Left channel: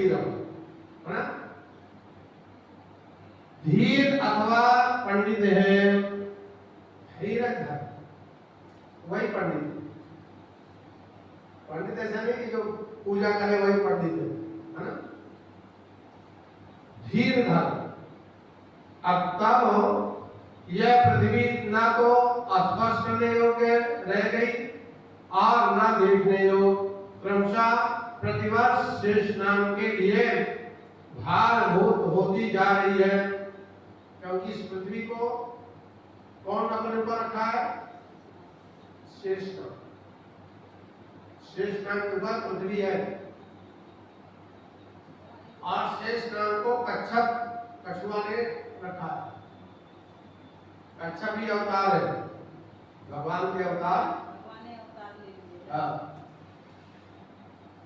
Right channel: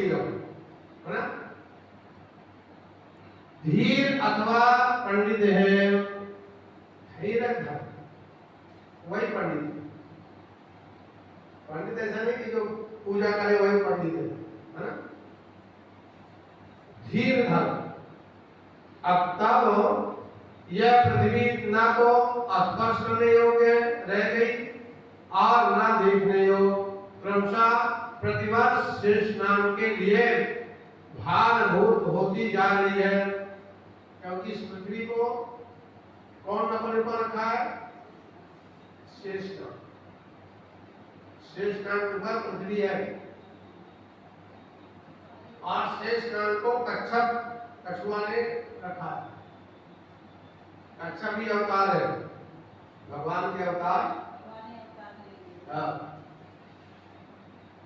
है ना। धीर अथवा पंडित है, धैर्य धर, वही पंडित है। पंडित ऐसा नहीं कि जो पूजा करे वही पंडित है ना। धीर धर। अब तब यह पृथ्वी ना तो स्पर्श करने योग्य रह गई और ना देखने योग्य, क्रमशः प्रतिवर्ष शेष स्नान के लिए भारभूत होती जा रही है, क्योंकि इस पृथ्वी को कौन अपने पर रखा है? शेष स्नान। शेष स्नान के ऊपर पृथ्वी है और शेष स्नान को कच्छप कछुआ ने रखा है। कच्छप भी अवतार है, भगवान के अवतार।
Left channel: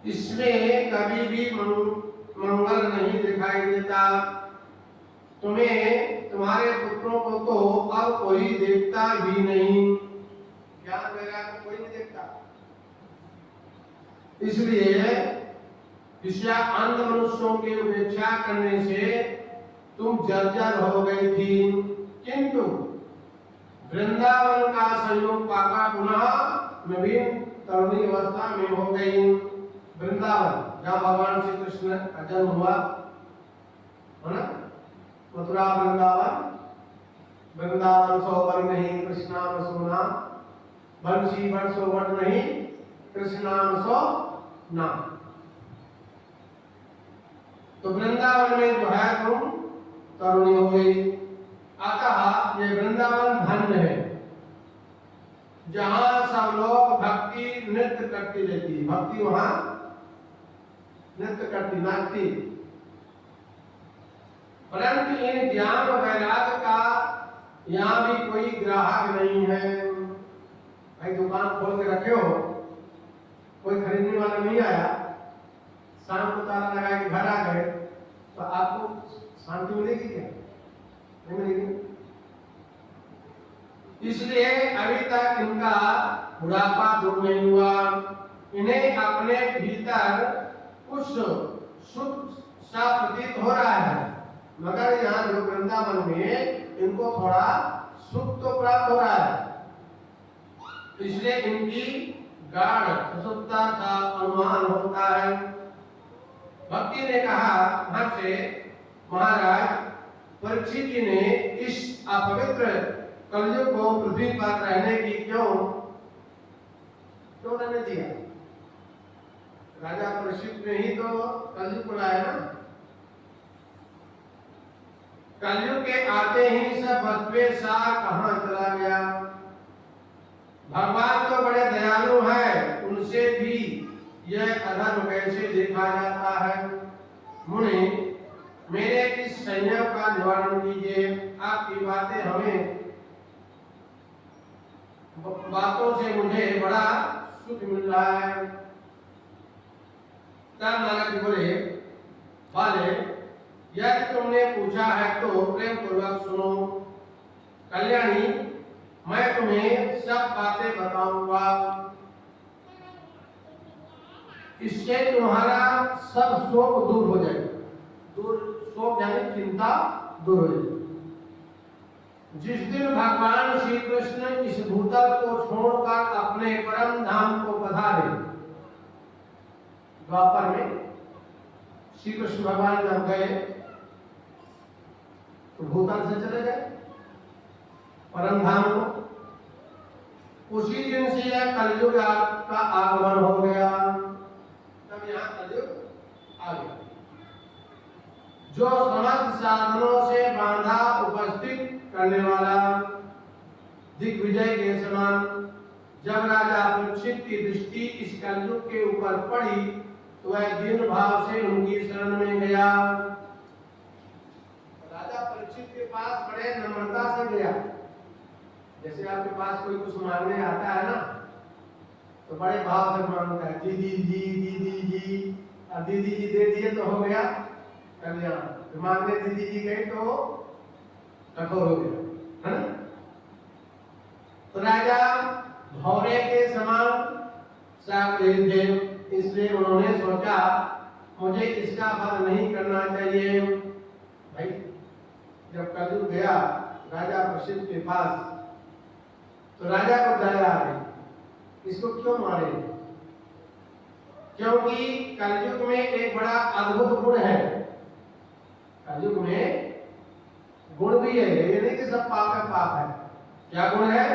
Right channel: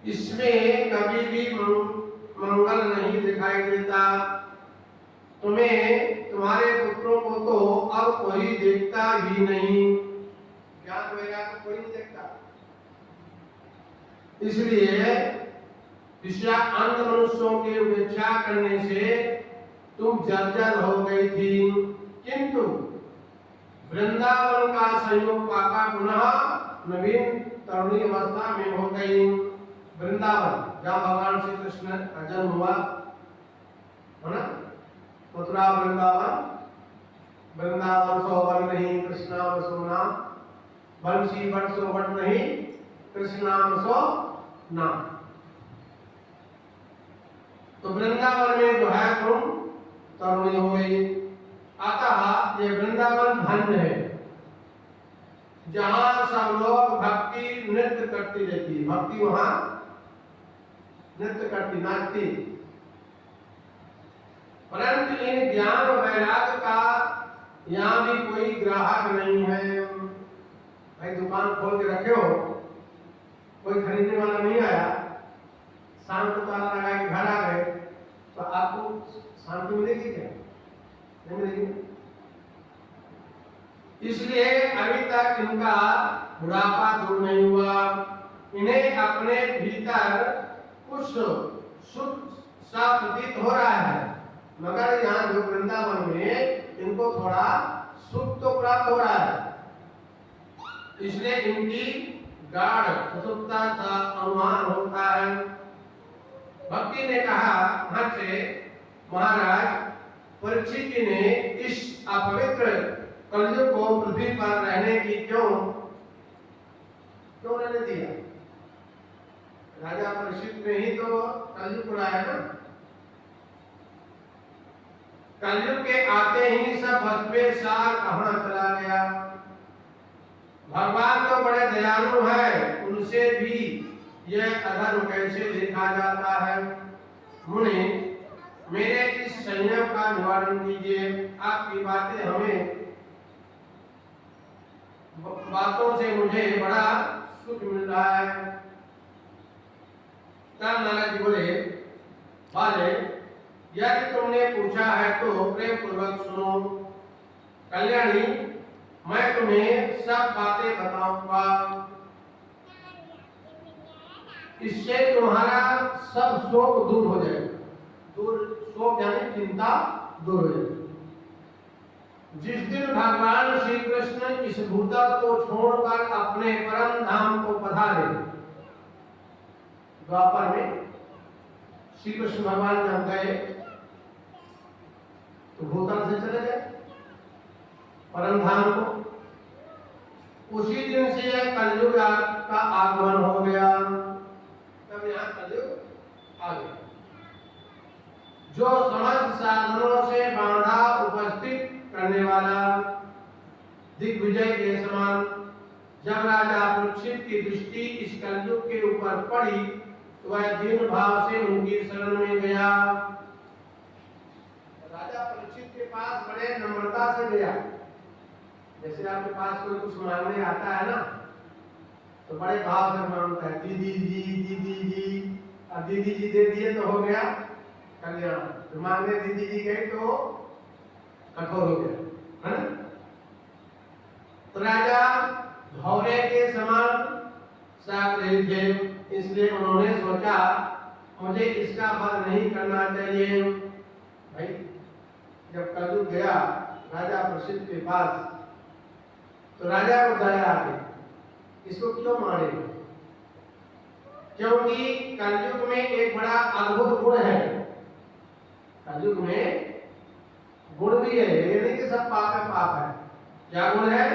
इसमें कभी भी मंगल नहीं दिखाई देता। तुम्हें तुम्हारे पुत्रों को तो अब कोई देखता भी नहीं, ज्ञान वैराग्य कोई नहीं देखता। इसलिए ऋषिया अन्य मनुष्यों की उपेक्षा करने से तुम जर्जर हो गई थी, किंतु वृंदावन का संयोग पाका पुनः नवीन तरुणी अवस्था में हो गई। वृंदावन जहाँ भगवान श्री कृष्ण का जन्म हुआ है ना, मथुरा वृंदावन। वृंदावन सो वर नहीं कृष्णाम सुना, बंसी बट सो बट नहीं कृष्णाम सो ना। तो वृंदावन में जो है तुम तरुणी हो गई। अतः ये वृंदावन धन्य है जहां सब लोग भक्ति नृत्य करती रहती। भक्ति वहां नृत्य करती, नाचती। परंतु इन ज्ञान और वैराग्य का यहाँ भी कोई ग्राहक नहीं है। भाई दुकान खोल के रखे हो, कोई खरीदने वाला नहीं आया, शाम को ताला लगा के घर आ गए, तो आपको शांति मिलेगी क्या? नहीं मिलेगी। इसलिए अभी तक इनका बुढ़ापा दूर नहीं हुआ। इन्हें अपने भीतर कुछ सुख सा प्रतीत हो रहा है, मगर यहाँ जो वृंदावन में इनको थोड़ा सुख तो प्राप्त हो रहा है। इसलिए इनकी गाढ़ प्रसुप्ता का अनुमान होता है। भक्ति ने कहा, हाँ से महाराज परीक्षित जी ने इस अपवित्र कलयुग को पृथ्वी पर रहने की क्यों रहने दिया? राजा परीक्षित ने ही तो कलयुग बुलाया ना। कलयुग के आते ही सब भस्मे सार कहाँ चला गया। भगवान तो बड़े दयालु है, उनसे भी यह अधर्म कैसे देखा जाता है। मुनि मेरे इस संयम का निवारण कीजिए। आपकी बातों से मुझे बड़ा सुख मिल रहा है। तब नारद जी बोले, बाले यदि तुमने पूछा है तो प्रेम पूर्वक सुनो। कल्याणी मैं तुम्हें सब बातें बताऊंगा, इससे तुम्हारा सब शोक दूर हो जाएगा। शोक यानी चिंता दूर हो जाएगी। जिस दिन भगवान श्री कृष्ण इस भूतल को छोड़कर अपने परम धाम को पधारे, द्वापर में श्री कृष्ण भगवान जब गए तो भूतल से चले गए परम धाम को। उसी दिन से यह कलयुग का आगमन हो गया। तब यहाँ कलयुग आ गया। जो समस्त साधनों से बांधा उपस्थित करने वाला दिग्विजय के समान। जब राजा परीक्षित की दृष्टि इस कलयुग के ऊपर पड़ी तो वह दीन भाव से उनकी शरण में गया। राजा परीक्षित के पास बड़े नम्रता से गया। जैसे आपके पास कोई कुछ मांगने आता है ना, तो बड़े भाव से मांगता है, दीदी जी दीदी जी, और दीदी जी दे दिए तो हो गया कल्याण। तो मांगने दीदी जी गई तो कठोर हो गया, है ना। तो राजा भौरे के समान साथ थे, इसलिए उन्होंने सोचा मुझे इसका फल नहीं करना चाहिए। भाई जब कलयुग गया राजा प्रसिद्ध के पास, तो राजा को दया आ गई, इसको क्यों मारे? क्योंकि कलयुग में एक बड़ा अद्भुत गुण है। कलयुग में गुण भी है, ये नहीं कि सब पाप है। पाप है, क्या गुण है?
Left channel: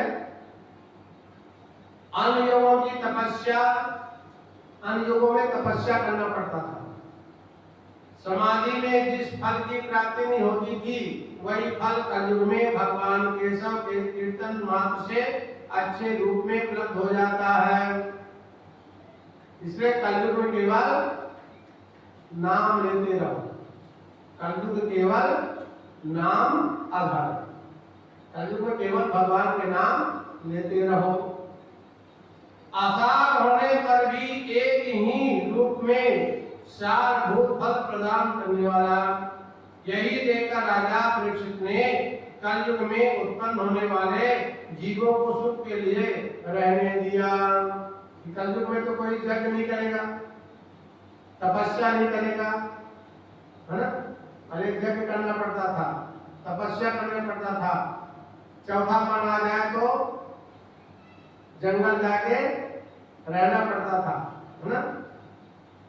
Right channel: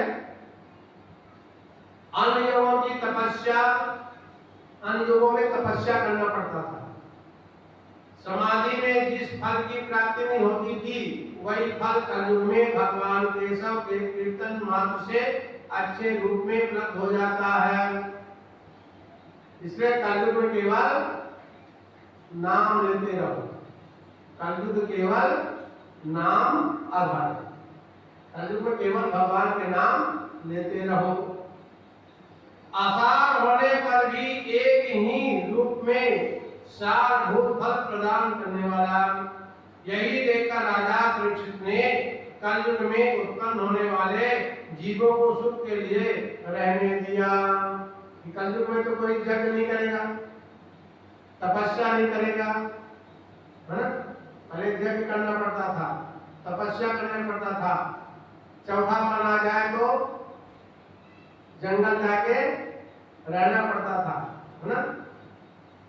अन्य युगों की तपस्या, अन्य युगों में तपस्या करना पड़ता था। समाधि में जिस फल की प्राप्ति नहीं होती थी, वही फल कलयुग में भगवान केशव के कीर्तन मात्र से अच्छे रूप में उपलब्ध हो जाता है। इसलिए कलयुग में केवल नाम लेते रहो। कलयुग केवल नाम आधार, कलयुग में केवल भगवान के नाम लेते रहो। आसार होने पर भी एक ही रूप में सारभूत फल प्रदान करने वाला, यही देखकर राजा परीक्षित ने कलयुग में उत्पन्न होने वाले जीवों को सुख के लिए रहने दिया। कलयुग में तो कोई यज्ञ नहीं करेगा, तपस्या नहीं करेगा, है ना? अरे यज्ञ करना पड़ता था, तपस्या करना पड़ता था। चौथा मन आ जाए तो जंगल जाके रहना पड़ता था, है ना?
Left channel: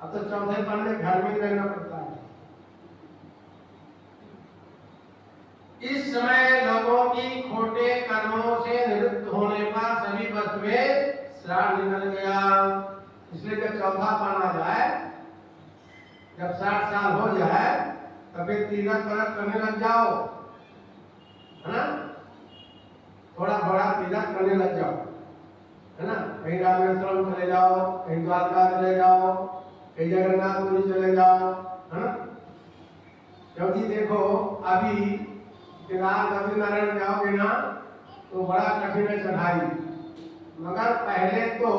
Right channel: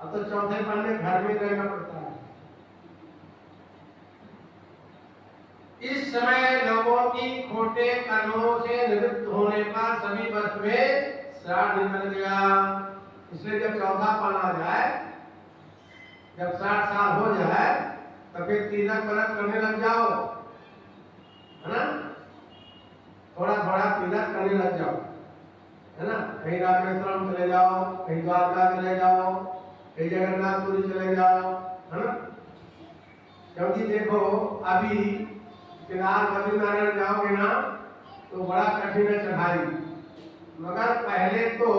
अब तो चौथे मन में घर में रहना पड़ता है। इस समय लोगों की खोटे कर्मों से निवृत्त होने पर सभी वर्ष में श्राद्ध निकल गया। इसलिए जब चौथा पन आ जाए, जब 60 साल हो जाए, तब फिर तीर्थ व्रत करने लग जाओ, है ना? थोड़ा थोड़ा तीर्थ करने लग जाओ, है ना? कहीं रामेश्वरम चले जाओ, कहीं द्वारका चले जाओ, कहीं जगन्नाथपुरी चले जाओ, है ना? क्योंकि देखो अभी केदार बद्रीनारायण जाओगे ना तो बड़ा कठिन है चढ़ाई, मगर पहले तो